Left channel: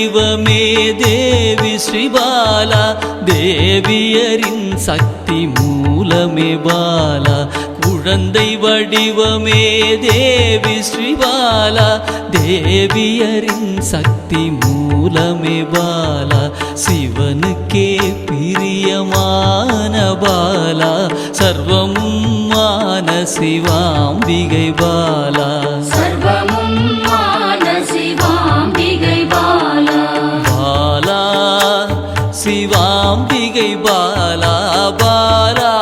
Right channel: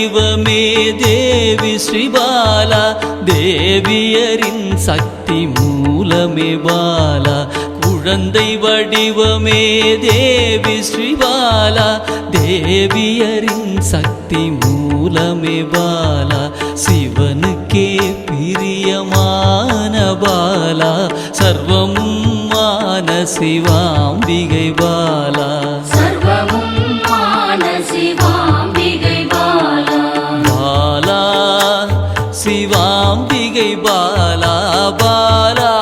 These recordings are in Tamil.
வடிவமே தேவி ஸ்ரீபாலா, தேவியரின் சக்தி மூலமே பாலா. குழந்தை வடிவமே தேவி ஸ்ரீபாலா, தேவியரின் சக்தி மூலமே பாலா. சிவனுக்கே பிரியமான பாலா, சர்வமும் மான சிவாம்பிகை பாலா. பாலா சிவாம்பிகை பாலா, பாலா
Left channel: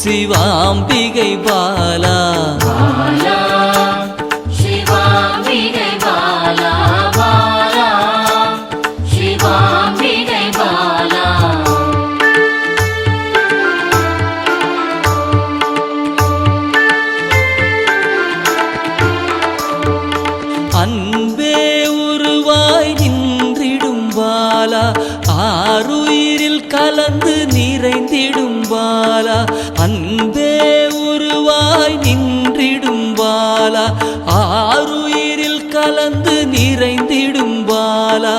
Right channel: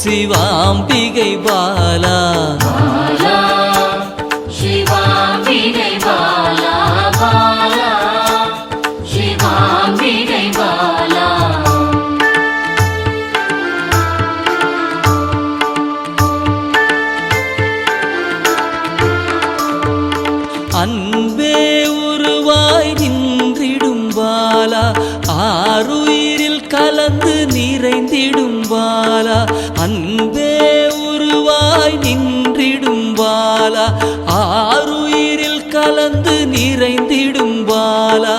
சிவாம்பிகை பாலா. அன்பே உருவாய் நின்றிடும் பாலா, ஆருயிரில் கலந்து நிறைந்திடும் பாலா. அன்பே உருவாய் நின்றிடும் பாலா, ஆருயிரில் கலந்து நிறைந்திடும் பாலா.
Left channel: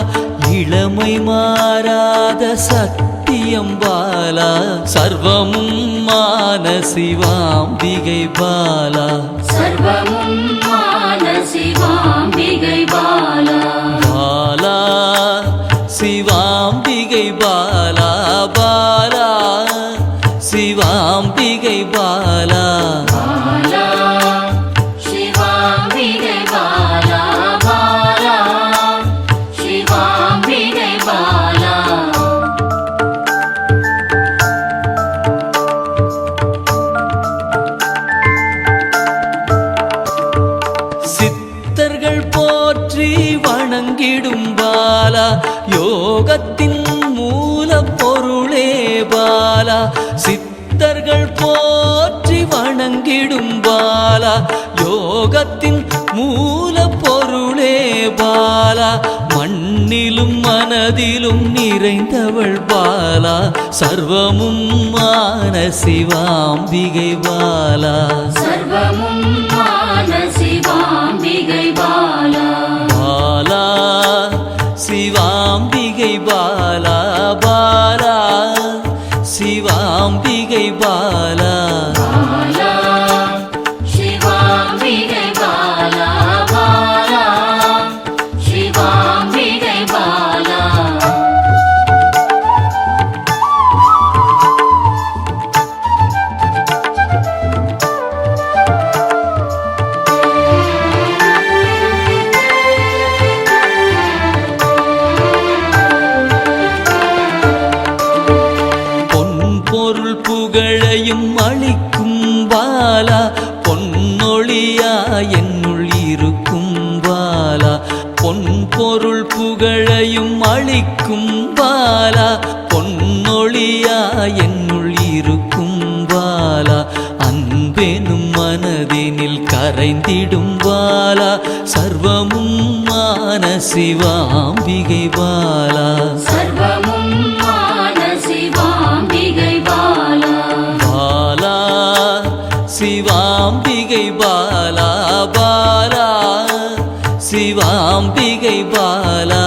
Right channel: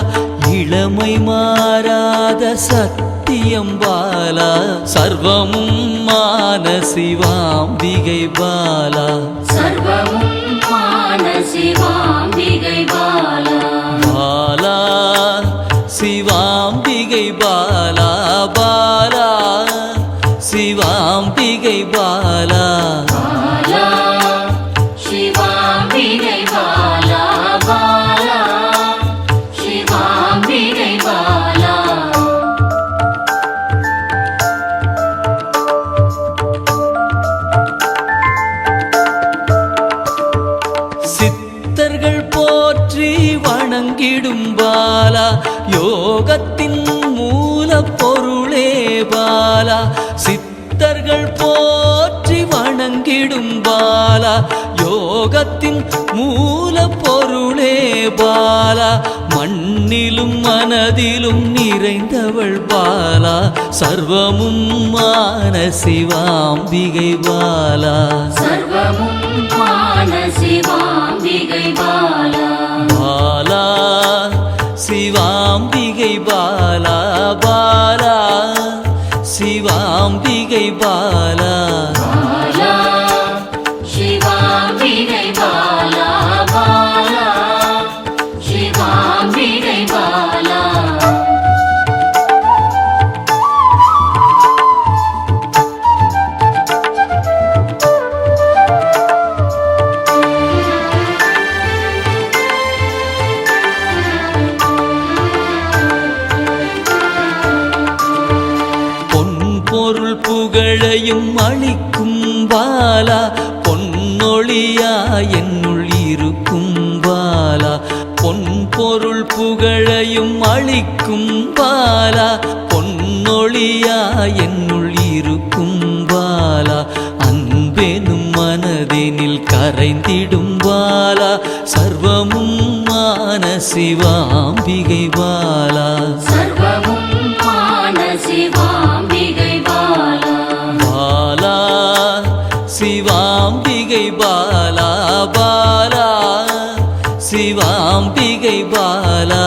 இளமை மாறாத சத்தியம் பாலா, சர்வமும் மான சிவாம்பிகை பாலா. பாலா சிவாம்பிகை பாலா, பாலா சிவாம்பிகை பாலா. சித்தர்கள் போற்றி வணங்கிடும் பாலா, யோகத்தின் மூல பொருளே பாலா. சித்தர்கள் போற்றி வணங்கிடும் பாலா, யோகத்தின் மூல பொருளே பாலா. மண்ணிலும் மனதிலும் நிறைந்தவள் பாலா, சர்வமும் மான சிவாம்பிகை பாலா. பாலா சிவாம்பிகை பாலா, பாலா சிவாம்பிகை பாலா. பொருள் புகழையும் அளிக்கும் பாலா, பொன்னொழியா என்னுள் இருக்கும் பாலா. பொன் பொருள் புகழையும் அளிக்கும் பாலா, பொன்னொழியா என்னுள் இருக்கும் பாலா. அன்பெனும் மனதினில் கரைந்திடும் பாலா, சர்வமும் மான சிவாம்பிகை பாலா. பாலா சிவாம்பிகை பாலா, பாலா சிவாம்பிகை பாலா.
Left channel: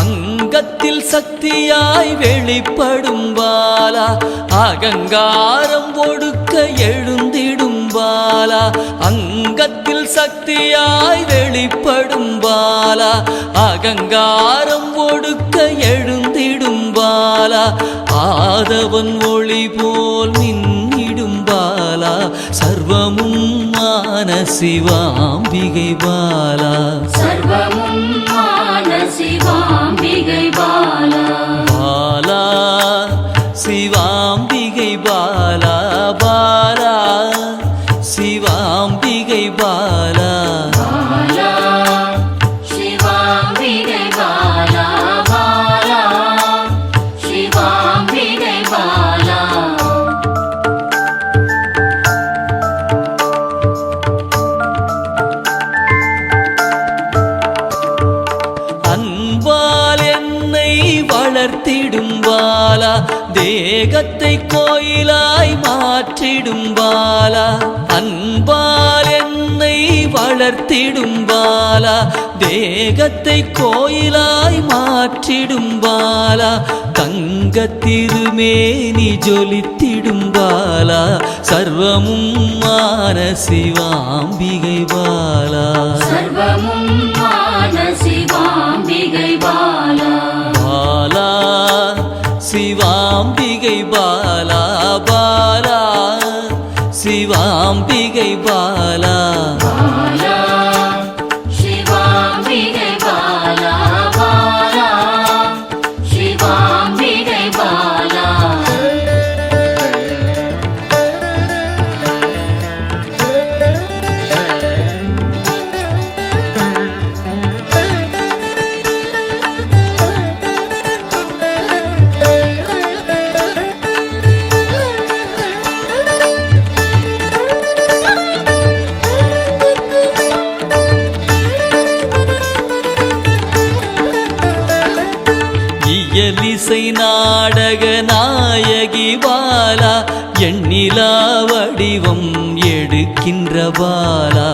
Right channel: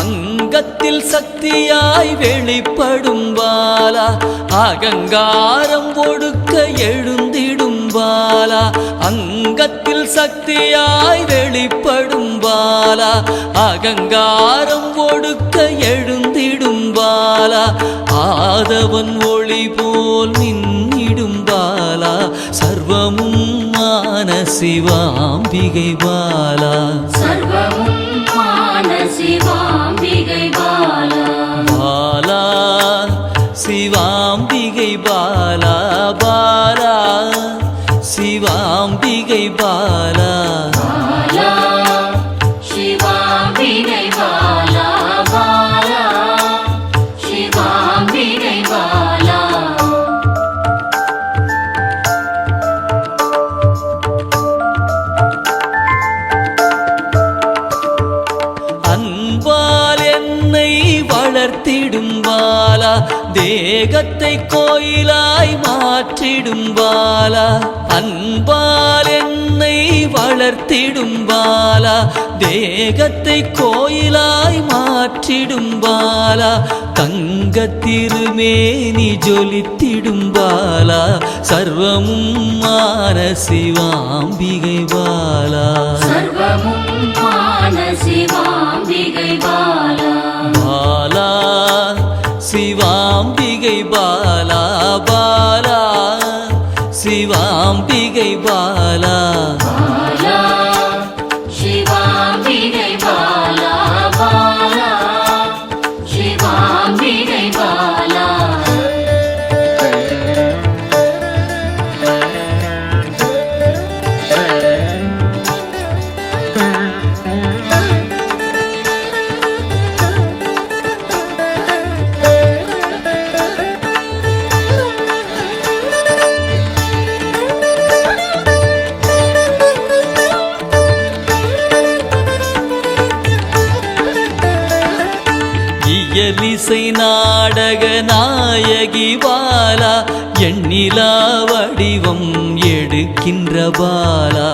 அங்கத்தில் சக்தியாய் வெளிப்படும் பாலா, அகங்காரம் ஒடுக்க எழுந்திடும் பாலா. அங்கத்தில் சக்தியாய் வெளிப்படும் பாலா, அகங்காரம் ஒடுக்க எழுந்திடும் பாலா. ஆதவன் ஒளி போல் மின்னிடும் பாலா, சர்வமும் மான சிவாம்பிகை பாலா. பாலா சிவாம்பிகை பாலா, பாலா சிவாம்பிகை பாலா. வளர்த்திடும் பாலா தேகத்தை கோயிலாய் மாற்றிடும் பாலா அன்பால் என்னை வளர்த்திடும் பாலா தேகத்தை கோயிலாய் மாற்றிடும் பாலா தங்க திருமேனி ஜொலித்திடும் பாலா சர்வமும் மான சிவாம்பிகை பாலா பாலா சிவாம்பிகை பாலா பாலா சிவாம்பிகை பாலா இயலிசை நாடக நாயகி பாலா எண்ணிலா வடிவம் எடுக்கின்ற பாலா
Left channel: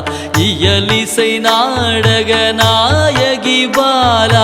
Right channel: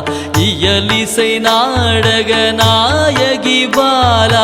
இயலிசை நாடக நாயகி பாலா